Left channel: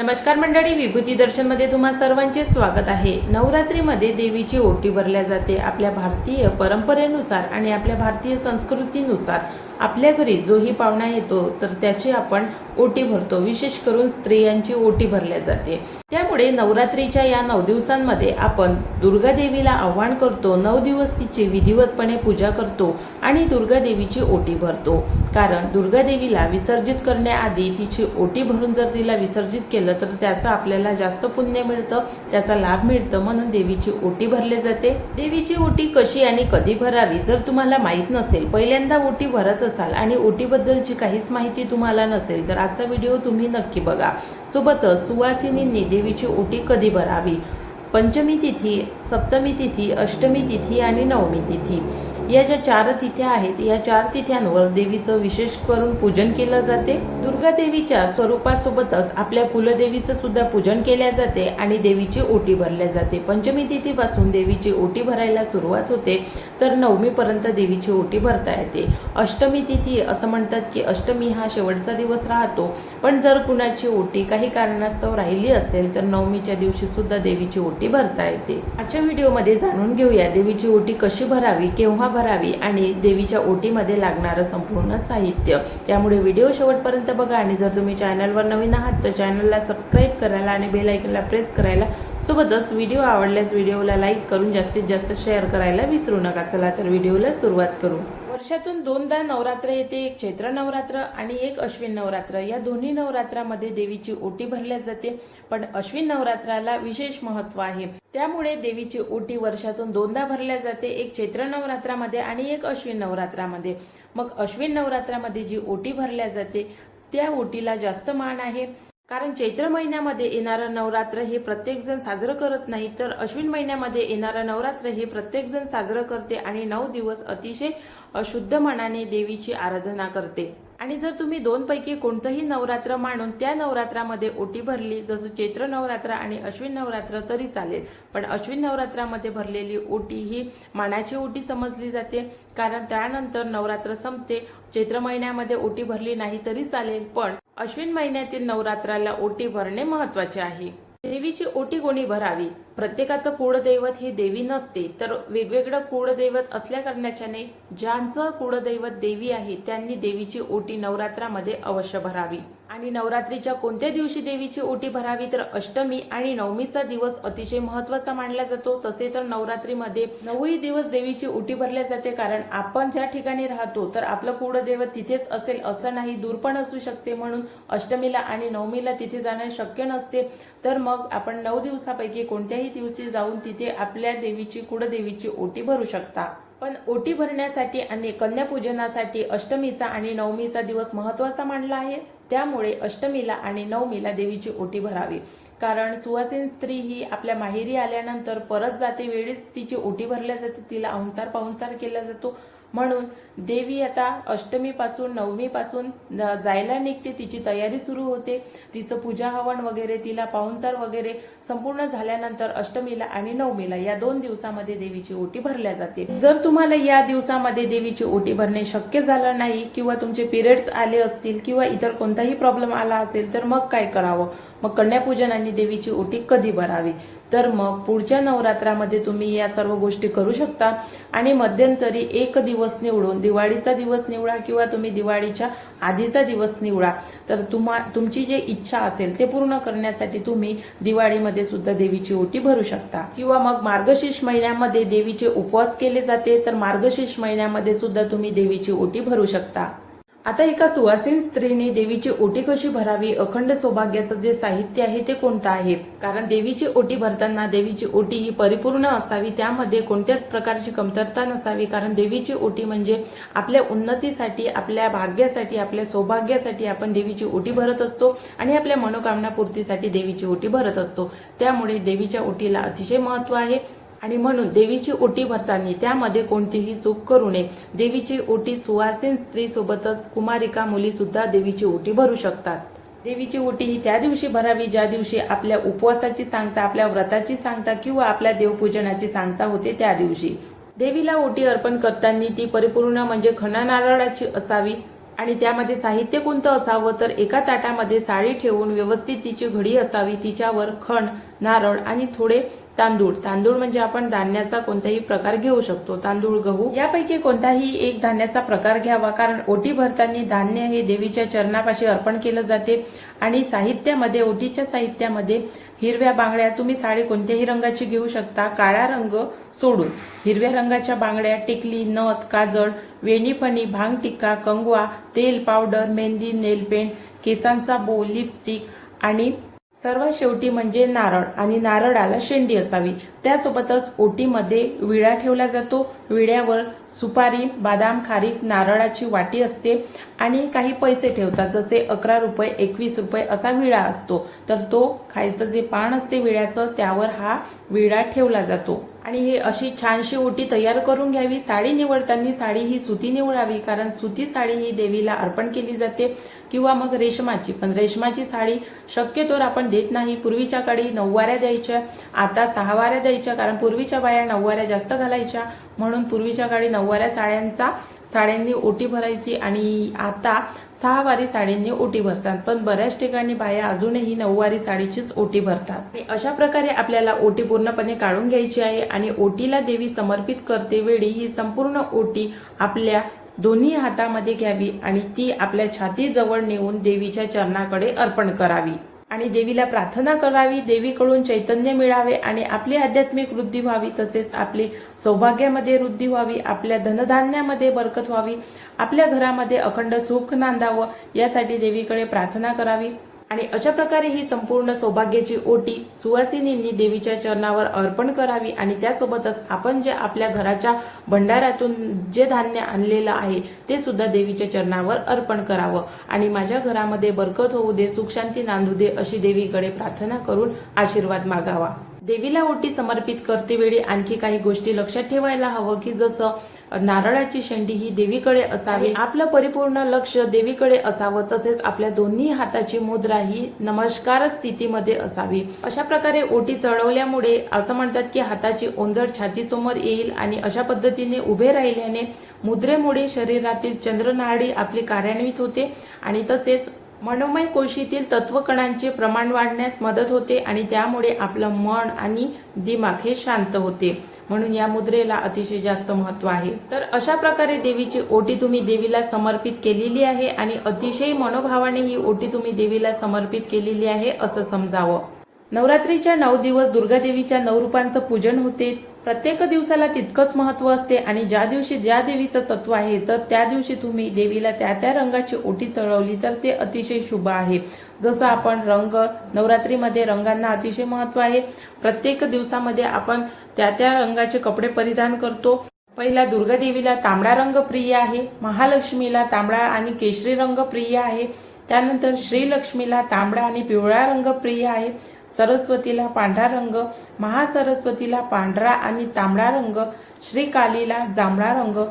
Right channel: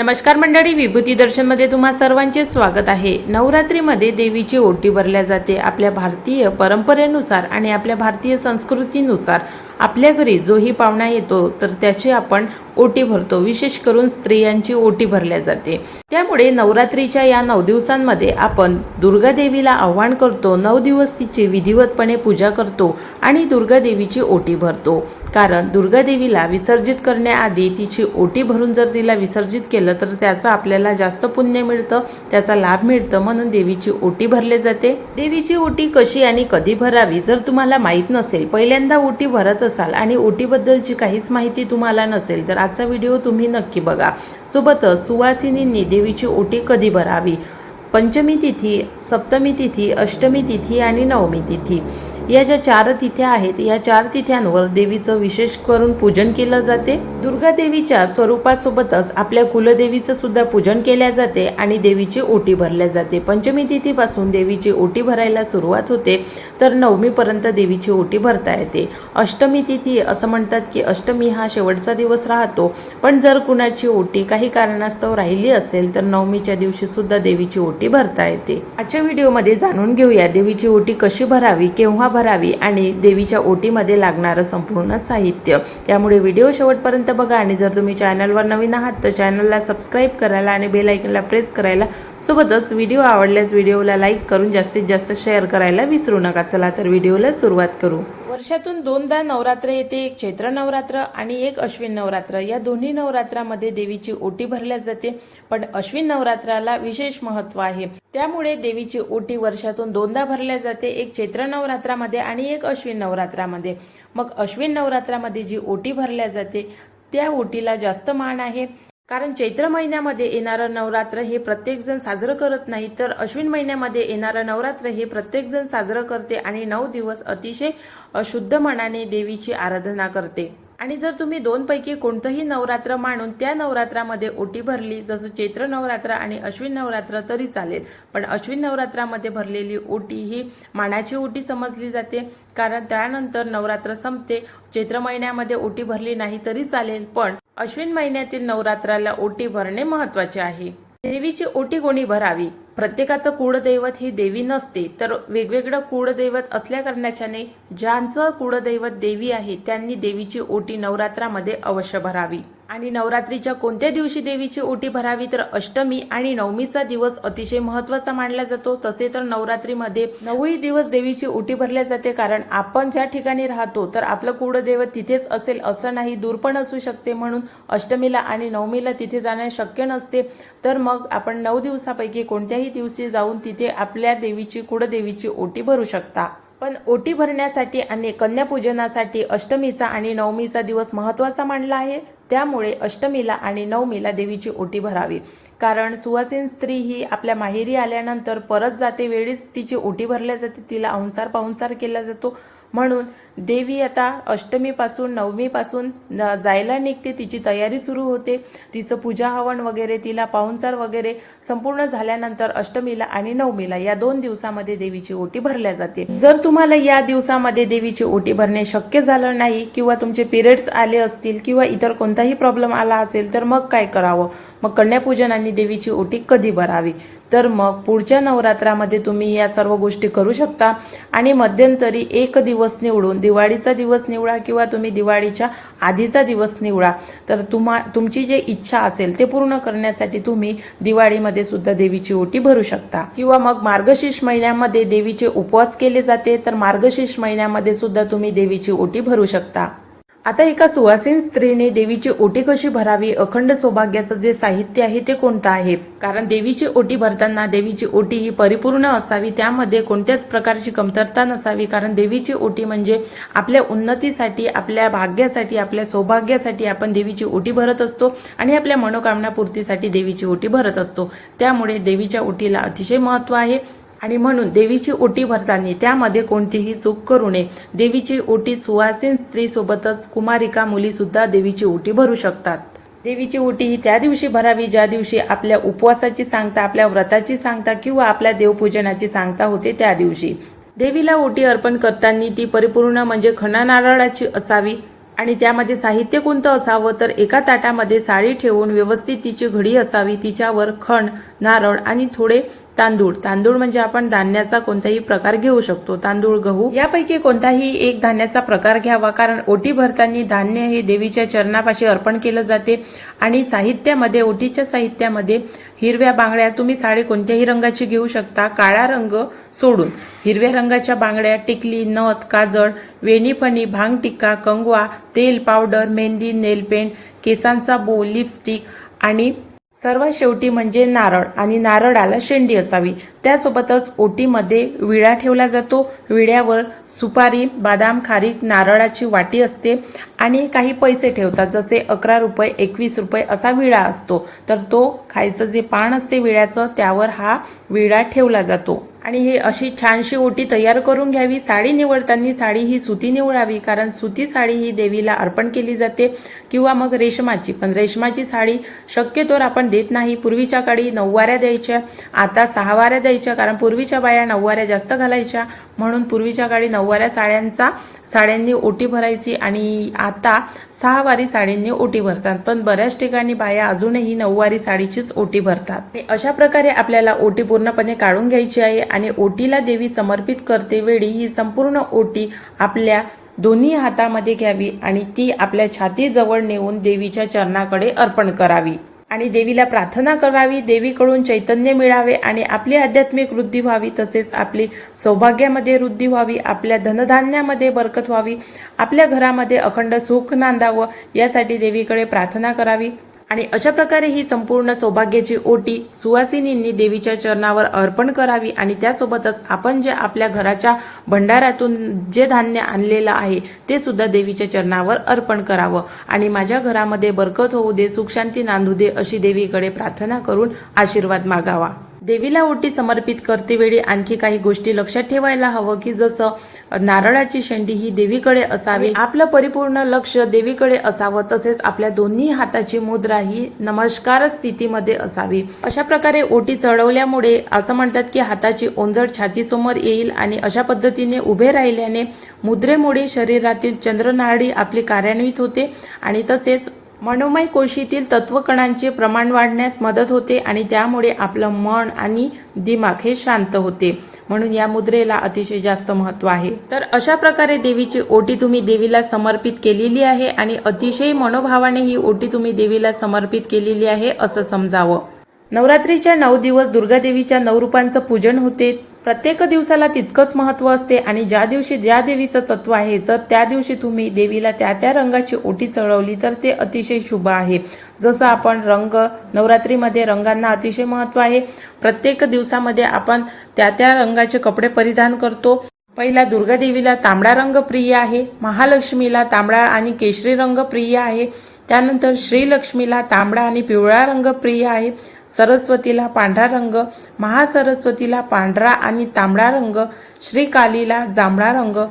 नमस्कार मंडळी विभूती दर्शनमध्ये तुम्हा सर्वांचे स्वागत आहे. नवरात्रीमध्ये देवीची ओटी भरल्या जाते. आपल्या भारतीय परंपरेनुसार आणि आपल्या भारतीय संस्कृतीनुसार आपल्या घरी जोही पाहुणा येतो तर त्याची आपण ओटी भरतो. विशेष करून स्त्रियांची ओटी भरल्या जाते. त्यामुळे नवरात्रीच्या या नऊ दिवसांमध्ये आपण दुर्गादेवीला आव्हान करतो नऊ दिवस तिची विधिवतपणे पूजा करतो आणि दुर्गादेवीची ओटी भरतो. कारण दुर्गादेवीला विसर्जित करण्याआधी तिची ओटी भरून जर तिला विसर्जित केलं तर त्याचं आपल्याला जास्त पुण्य मिळतं त्याचा लाभ मिळतं. म्हणून देवीची ओटी भरले जाते. देवीची ओटी कशी आणि कधी भरावी जर तुम्हाला माहीत नसेल पहिल्यांदा ओटी भरत असाल आणि ओटीबद्दलची काहीच माहिती तुम्हाला नसेल तर आजचा व्हिडिओ तुम्ही नक्की बघा. सोबतच सुवासिनींनी देवीची ओटी कधी भरावी? पंचमी तिथी सप्तमी तिथी अष्टमी तिथी आणि नवमी तिथी. या ज्या चार तिथ्या आहेत या चार तिथ्यांवर देवीचं विशेष करून पूजन केलं जाते. दुर्गा देवीच्या स्वरूपासोबतच आपल्या कुलदेवीचं सुद्धा पूजन केल्या जाते आणि देवीची ओटी भरल्या जाते. पंचमी तिथीपासून देवीची ओटी भरायला सुरुवात होते तर नवमीपर्यंत देवीची ओटी भरता येते. अष्टमी तिथी असं म्हणतात की अष्टमी हा शेवटचा दिवस राहतो पण जर कुणाची ओटी काही कारणास्तव राहिली असेल तर नवमीच्या दिवशी सुद्धा देवीची ओटी भरता येते. आजच्या व्हिडिओमध्ये जाणून घेऊया देवीची ओटी कशी भरावी केव्हा भरावी आणि देवीच्या ओटीमध्ये लागणारं संपूर्ण साहित्य. त्यामुळे व्हिडिओ शेवटपर्यंत बघा आणि जर तुम्ही चॅनलवर नवीन आहात तर चॅनलला सबस्क्राईब करायला आणि बेल आयकनला प्रेस करायला सोबतच व्हिडिओ आवडल्यास व्हिडिओला लाईक करून जास्तीत जास्त शेअर करायला विसरू नका. चला तर व्हिडिओला सुरुवात करू. वर्षातून दोनदा नवरात्र येते एक चैत्र नवरात्र आणि एक अश्विन नवरात्र. या दोन्ही नवरात्रामध्ये देवीची ओटी भरल्या जाते पण अश्विन नवरात्राला विशेष महत्त्व आहे. त्यामुळे देवीची ओटी वर्षातून दोनदा भरल्या जाते एक चैत्र नवरात्रामध्ये आणि एक अश्विन नवरात्रामध्ये. मग अश्विन नवरात्रामध्ये जी ओटी भरल्या जाते त्या ओटीला जास्त मान आहे. कारण चैत्र महिन्यामध्ये येणारं नवरात्र हे प्रत्येकजण साजरं करत नाही तर अश्विन महिन्यामध्ये येणारं नवरात्र हे प्रत्येकजण साजरं करते आणि नऊ दिवस अतिशय अशुद्ध मनाने देवीची आराधना करते. आणि जर तुम्ही दोनपैकी कोणतंही नवरात्र मानून त्या नवरात्रामध्ये ओटी भरली जसं चैत्र नवरात्र आणि अश्विन नवरात्र तरी चालेल. पण अश्विन नवरात्रामध्ये भरलेली ओटी ही मानाची ओटी समजली जाते. कारण त्यानंतर नवरात्र संपते. चैत्र महिन्यामध्ये ओटी भरली नाही तरी चालेल पण अश्विन महिन्यातील नवरात्राला ओटी भरणे महत्त्वाचे आहे. देवीची ओटी कोणी भरावी? प्रत्येकाचं कुळदैवत हे देवी नसते तर वेगवेगळं कुळदैवत असल्या कारणाच्याने ज्यांचं कुळदैवत देवी आहे त्यांनी देवीची ओटी नवरात्रामध्ये अवश्य भरावी. आणि नवरात्रीच्या कोणत्या दिवशी देवीची ओटी भरावी तर अष्टमी आणि नवमीचा दिवस अतिशय महत्त्वाचा मानला जातो. तसे तर नवरात्रीमध्ये नऊही दिवस देवीची ओटी भरल्या जाते. कारण आपण ज्या ठिकाणी राहतो तर आपलं कुळदैवत तिथेच असेल असं नाही. दूर पण असू शकते म्हणून अष्टमीला आणि नवमीला तिथे जाणे शक्य नसते. तर मग आपण नऊ दिवसापैकी कोणत्याही दिवशी जाऊन तिथे आपल्या देवीची कुळदेवीची ओटी भरू शकता. पण ओटी भरण्यासाठी आणि कन्यापूजनासाठी अष्टमीचा आणि नवमीचा दिवस महत्त्वाचा मानला आहे. त्यामुळे अष्टमीला आणि नवमीला देवीची ओटी भरावी. कारण सुवासीन स्त्री ही आपल्या माहेरी आल्यानंतर परत जाते वेळीच तिची ओटी भरल्या जाते तिला अहुंसार पाहुणसार केला जातो. म्हणून देवी आता अष्टमीपासून नवमीपासून जायला निघते. तिची तयारी सुरू होते. तिचं पूजा हवन वगैरे तिला पाहुणचार वगैरे संपूर्ण झाल्यानंतर अष्टमीला आणि नवमीला या दोन दिवसामध्ये देवीची ओटी भरल्या जाते. जर तुम्हाला या दिवसामध्ये देवीची ओटी भरणे शक्य झालं नाही किंवा तुमचे पिरियड्स आले असतील किंवा इतर कोणताही प्रॉब्लेम आला असेल तर मग काय करावं? मग कन्यापूजन आणि देवीची ओटी कधी भरावी? तर मग पुढच्या नवरात्रामध्ये तुम्ही या सर्व गोष्टी करू शकता. आणि मध्यंतरी एक दिवस निवडून दिवाळीचा दिवस निवडा किंवा तुम्ही दिवाळीच्या आधीचा दिवस निवडा तर तुम्हा तुमची जे इच्छा असेल ते पूर्ण करण्यासाठी तुम्ही दिवाळीमध्ये सुद्धा देवीची ओटी भरू शकता. किंवा मग मार्गशीर्ष महिन्यामध्ये देवीचे उपवास केले जाते तर मार्गशीर्ष महिन्यामध्ये सुद्धा तुम्ही देवीची ओटी भरू शकता. आता एका सुवासीन स्त्रीने देवीची ओटी कशी भरावी अखंड सौभाग्याचं जे साहित्य आहे ते कोणतं आहे? कारण देवीची ओटी भरताना देवीची ओटी ही परिपूर्ण असावी त्यामध्ये कोणत्याच प्रकारची कमतरता नसावी. कारण देवीची ओटी म्हणजे आपल्या उन्नतीसाठी आपल्या भाग्यासाठी आपल्या सौभाग्यासाठी आपण देवीची ओटी भरत असतो आणि आपल्या मनोकामना पूर्तीसाठी देवीची ओटी भरत असतो. त्यामुळे देवीच्या ओटीला अतिशय महत्त्व आहे. आणि म्हणून देवीची ओटी भरताना त्यामध्ये कोणतीही चूक करू नये. देवीची ओटी सुवासीन स्त्रीसोबतच कुमारिका मुली सुद्धा देवीची ओटी भरू शकतात. देवीची ओटी ही त्या दिवशी भरावी ज्या दिवशी आपल्या उपवासाची सांगता आपल्या व्रताची सांगता किंवा आपल्या देवपूजनाची सांगता होते त्या दिवशी. देवीला ओटी अर्पण करताना ती परिपूर्ण म्हणजे खणा नारळाची असावी आणि त्यामध्ये साहित्य कोणतं असावं तर एका ताटामध्ये साडी ठेवून व्यवस्थित तिची घडी असावी. तिच्यावर खण नारळ आणि थोडे तांदूळ. तांदूळ म्हणजे आपण धान्याचा कोणताही प्रकार घेऊ शकतो. तांदूळ गहू यापैकी कोणताही एक धान्याचा प्रकार घ्यावा. कारण ओटी भरताना धान्य हे देवीच्या चरणापाशी अर्पण केलं जाते आणि साहित्यामध्ये ओटीच्या साहित्यामध्ये हिरव्या बांगड्या तुम्ही साडी कोणत्याही रंगाची घेऊ शकता. काळा रंग सोडून हिरव्या रंगाच्या बांगड्या टिकली नथ काजळ वेणीफणी भांग टिक्का कंगवा तेल पावडर मेहंदी नेलपेंट केसांचा बो लिपस्टिक आणि सर्वात शेवटी म्हणजे नारळ आणि नारळाला शेंडी असावी. त्यासोबतच ओटीमध्ये विडा ठेवला जातो. विड्यावर सुपारी बदाम खारीक नारळाची वाटी असते आणि काही पैसे ठेवतात. जसे अकरा रुपये एकवीस रुपये असा विडा असतो. तर तो खायचं जे पान असते विड्याचं त्यावर हा विडा ठेवला जातो. आणि हे अशी छानशी ओटी तयार करून घ्यावी. साडी निवडताना साडी ही सुती निवडावी कारण सुती साडी ही देवीला अर्पण केली जाते. किंवा मग रेशमाची पण रेशमाची साडी शक्यतोवर आपण देत नाही. पूर्वीच्या काळी नऊवाऱ्या द्यायच्या आता सहावाऱ्या द्यायच्या कारण पूर्वीच्या बाया नऊवाऱ्या जास्त घालायच्या. म्हणून पूर्वीच्या काळी नऊवाऱ्या साड्यांचा साड्यांनी ओटी भरायची आणि आता सहावारी साडींनी ओटी भरतात. पण बऱ्याच ठिकाणी बाया अजूनही नऊवारी साडीचीच ओटी भरतात. अशा प्रकारे आपल्याला ओटी पूर्णपणे काढून घ्यायची आहे आणि ओटीला देवी समर्पित करते वेळी ही संपूर्ण ओटी आपल्या दोन्ही हातामध्ये घ्यावी आणि ती आपल्या छातीजवळ नेऊन देवीच्या चरणाकडे अर्पण करावी. आणि देवीला प्रार्थना करावी देवीकडून चैतन्य मिळावे आणि आपली आध्यात्मिक वृद्धी व्हावी तसेच आपली सौभाग्यामध्ये वृद्धी व्हावी आपल्या धनधान्यामध्ये बरकत व्हावी आपल्या घरामध्ये अखंड सुख नांदावं यासाठी देवीकडे प्रार्थना करावी. आणि अशा प्रकारे ही संपूर्ण सौभाग्याची ओटी सुवासिनींनी देवीच्या चरणावर अर्पण करावी आणि त्यासोबतच आपण जे आपल्या घराच्या भंडाऱ्यातून जे धान्य आणलेलं आहे ते सुद्धा देवीच्या चरणावर अर्पण करावं. आणि माझ्या घरामध्ये बरकत होऊ दे सुखशांती नांदू दे अशी देवीकडे प्रार्थना करून आशीर्वाद मागावा. देवीला ओटी समर्पित करते वेळी आणखी काही गोष्टी लक्षात ठेवायला हवं की जसं नारळाची शेंडी ही देवीकडे असावी आपलं परिपूर्ण लक्ष देवीकडे असावं तसेच आपल्या दोन्ही हाताची मुद्रा ही नमस्कार स्थितीमध्ये असावी. अशा प्रकारे ओटी चढवल्यामुळे असं म्हणतात की हाताची ओंजळ छातीसमोर येईल आणि अशा पद्धतीने उभे राहिल्याने मुद्रेमुळे शरीरातील चंद्रनाडी आपली कार्यान्वित होते आणि तसेच मनोमय कोशीतील तत्वकणांचे प्रमाण वाढण्यास मदत होते आणि त्यामुळे आपलं मन आणि दिमाग हे शांत होते. म्हणून या मुद्रेला अतिशय जास्त महत्त्व आहे. तर अशा प्रकारे देवीची ओटी तुम्ही देवीला समर्पित केलेली आहे आणि अतिशय मनोभावाने ही ओटी तुम्ही देवीला समर्पित केलेली आहे असं समजावं. नवरात्रीच्या नऊ दिवस दुर्गा देवीच्या नऊ रूपांचं पूजन होते. प्रत्येक दिवसाला तितकंच महत्त्व असते आणि ज्या दिवशी ज्या देवीचं तत्व आहे जर त्या दिवशी तुम्ही देवीला त्या त्या रंगाची ओटी चढवली तर ते अतिशय शुभ आहे. जसं आपण रंग नवरात्रीमध्ये रंगांना अतिशय महत्त्व आहे. प्रत्येक दिवसामध्ये आपण त्या त्या रंगाचे कपडे परिधान करतो. पहिला दुर्गादेवीला तांबडा रंग प्रिय आहे महालक्ष्मीला तांबडा आणि केशरी रंग प्रिय आहे त्यानंतर श्रीलक्ष्मीला तांबडा आणि पिवळा रंग प्रिय आहे. सरस्वतीला पांढरा रंग महासरस्वतीला पांढरा आणि तांबडा रंग श्रीकालीला जांभळा रंग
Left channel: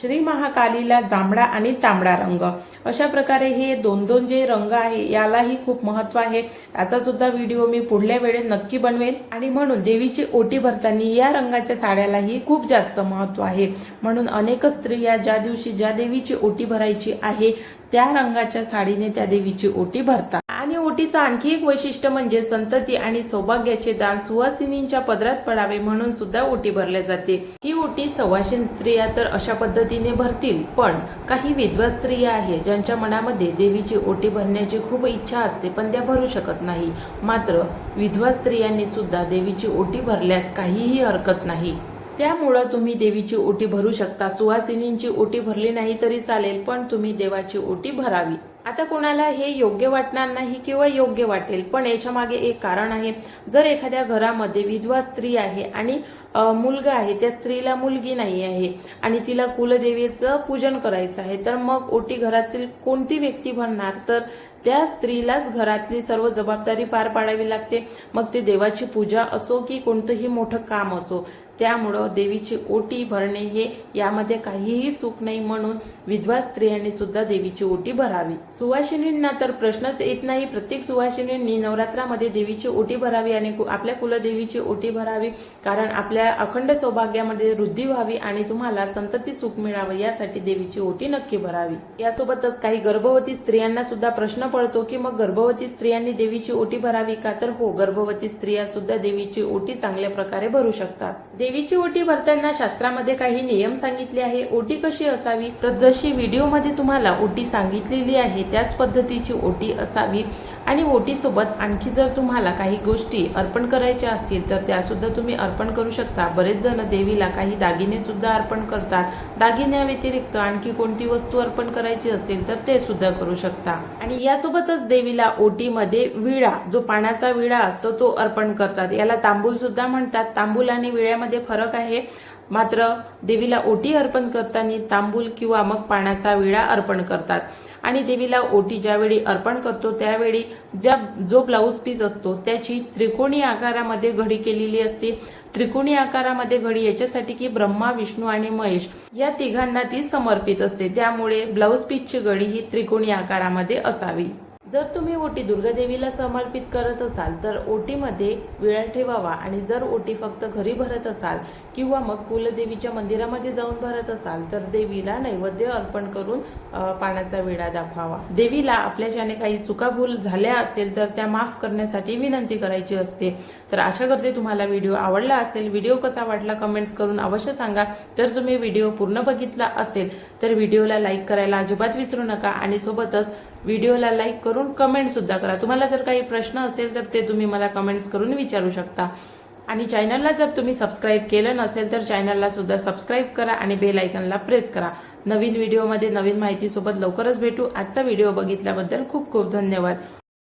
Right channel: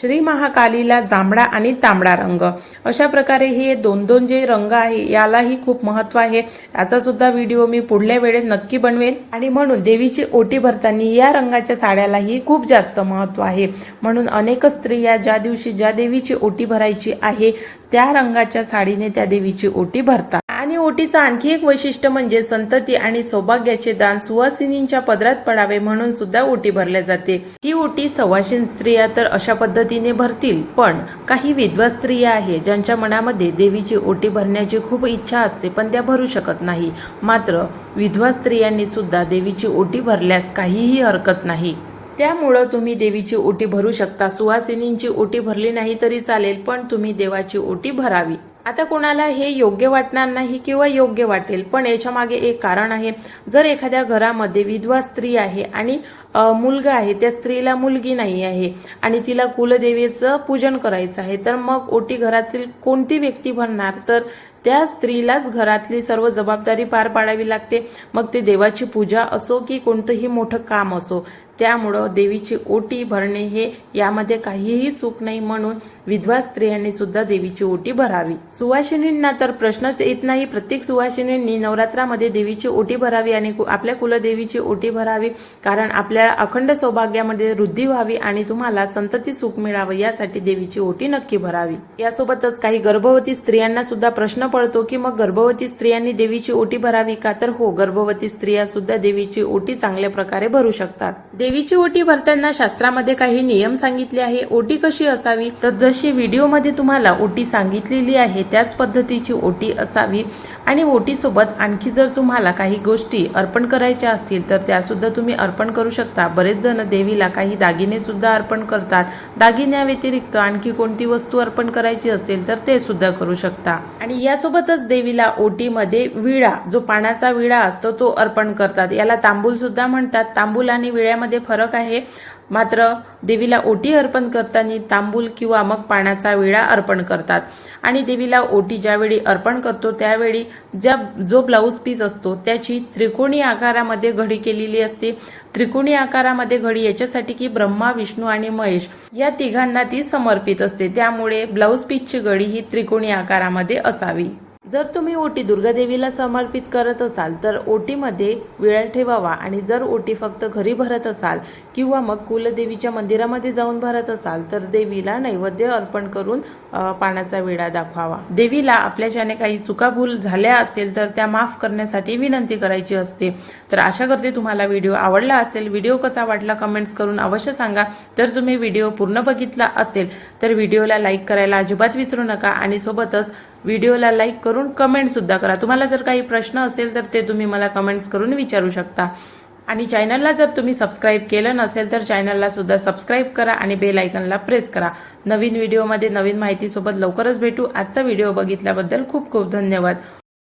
श्री महाकालीला जांभळा आणि तांबडा रंग. अशा प्रकारे हे दोन दोन जे रंग आहे यालाही खूप महत्त्व आहे. याचा सुद्धा व्हिडिओ मी पुढल्या वेळेत नक्की बनवेल. आणि म्हणून देवीची ओटी भरताना या रंगाच्या साड्यालाही खूप जास्त महत्त्व आहे. म्हणून अनेक स्त्रिया ज्या दिवशी ज्या देवीची ओटी भरायची आहे त्या रंगाच्या साडीने त्या देवीची ओटी भरतात. ओटीचं आणखी एक वैशिष्ट्य म्हणजे संतती आणि सौभाग्याचे दान सुवासिनींच्या पदरात पडावे म्हणून सुद्धा ओटी भरल्या जाते. ही ओटी सवाशीन स्त्रिया तर अशा पद्धतीने भरतील पण काही विधवा स्त्रिया आहे ज्यांच्या मनामध्ये देवीची ओटी भरण्याची खूप इच्छा असते पण त्या भरू शकत नाही. मात्र विधवा स्त्रियांनी सुद्धा देवीची ओटी भरल्यास काहीही हरकत नाही. त्यामुळं तुम्ही देवीची ओटी भरू शकता. सुहासिनींची ओटी भरली नाही तरी चालेल पण तुम्ही देवाची ओटी भरावी. आता कोणाला हे योग्य वाटणार नाही किंवा योग्य वाटेल पण याच्या मागे एक कारण आहे. जर एखाद्या घरामध्ये विधवा स्त्री आहे आणि मुलगा आहे त्या स्त्रीला मुलगी नाही आहे आणि तिला कुलदेवीचं पूजन करायचं आहे तर मग ओटी घरातील कोणती व्यक्ती भरणार? तर त्या स्त्रीलाच घरातली सर्व जबाबदारी पार पाडावी लागते. मग ते देवाची पूजा असो की कोणतंही मोठं काम असो त्यामुळं देवीची ओटी भरणे हे यामध्ये काहीही चूक नाही म्हणून विधवा स्त्रियांनी सुद्धा देवीची ओटी भरावी. सुवासिनींना तर प्रश्नच येत नाही. प्रत्येक सुवासिनींनी नवरात्रामध्ये देवीची ओटी भरावी आणि कु- आपल्या कुलदेवीची ओटी भरावी कारण आपल्या अखंड सौभाग्यामध्ये वृद्धी व्हावी आणि तुम्हाला संतती सुख मिळावं यासाठी देवीची ओटी नक्की भरावी. यासोबतच काही गर्भवती स्त्रियांना सुद्धा प्रश्न पडतो की मग गर्भवती स्त्रियांनी देवीची ओटी भरावी का? तर हो गर्भवती स्त्रिया सुद्धा देवीची ओटी चांगल्या प्रकारे भरू शकतात. देवीची ओटी भरताना शास्त्रामध्ये काही नियम सांगितले आहे. ओटी कशी असावी? तर जशी व्हिडिओमध्ये तुम्हाला ओटी सांगितलेली आहे त्याच पद्धतीची ओटी असावी. आणि ओटीसोबत आणखी जर तुम्हाला काही गोष्टी अर्पण करायच्या असतील तर त्यासुद्धा तुम्ही अर्पण करू शकता. बरेच जण देवीला काही दागिनेसुद्धा अर्पण करतात. दागिन्या व्यतिरिक्त आणखी कोणती वस्तू अर्पण करायची असेल तर ते सुद्धा करू शकता. आणि यासोबतच देवीला ओटीमध्ये विळा जो पाण्याचा विळा असतो तो अर्पण करतात. याला तांबूल सुद्धा म्हणतात. तांबूल आणि विळ्यामध्ये फरक आहे. मात्र देवीला ओटी अर्पण करताना तांबूल किंवा मग पाण्याचा विळा अर्पण करतात. आणि देवीला ओटी ज्यावेळी अर्पण करतो त्यावेळी ज्या जो ब्लाऊज पीस असतो त्याची त्रिकोणी आकारामध्ये घडी केलेली असते. त्रिकोणी आकारामध्ये घडी याच्यासाठी की ब्रह्मा विष्णू आणि महेश या तिघांना ती समर्पित असते. त्यामुळे ब्लाऊज पीसची घडी ही त्रिकोणी आकारामध्ये असावी. जर तुम्ही ओटी दुर्गादेवीला समर्पित करत असाल तर ओटीमध्ये विळा ठेवावा. आणि जर ओटी फक्त घरी भरत असाल किंवा मग कुलदेवीच्या मंदिरामध्ये जाऊन भरत असाल तर देवीला नैवेद्य अर्पण करून पाण्याचा विडा दाखवावा. देवीला आपल्या ज्याने काही चुकाभूल झाल्या असेल तर त्या माफ करण्यासाठी विनंती करायची असते. तर आशा करते तुम्हाला व्हिडिओ आवडला असेल. व्हिडिओ कसा वाटला कमेंट्स करून अवश्य सांगा. तर तुम्ही व्हिडिओ पूर्ण बघितला असेल तर व्हिडिओला लाईक करायला अजिबात विसरू नका. आणि सोबतच व्हिडिओला लाईक करून कमेंट सुद्धा करा. तुम्हाला जर काही प्रश्न असेल तर ते तुम्ही मला कमेंट्स करून विचारू शकता. आणि चॅनलला जर तुम्ही सबस्क्राईब केलं नसेल तर चॅनलला सुद्धा सबस्क्राईब करा आणि बेल आयकनला प्रेस करा. नवीन व्हिडिओमध्ये नवीन माहितीसोबत लवकरच भेटू. आजचा व्हिडिओ बघितल्याबद्दल खूप खूप धन्यवाद.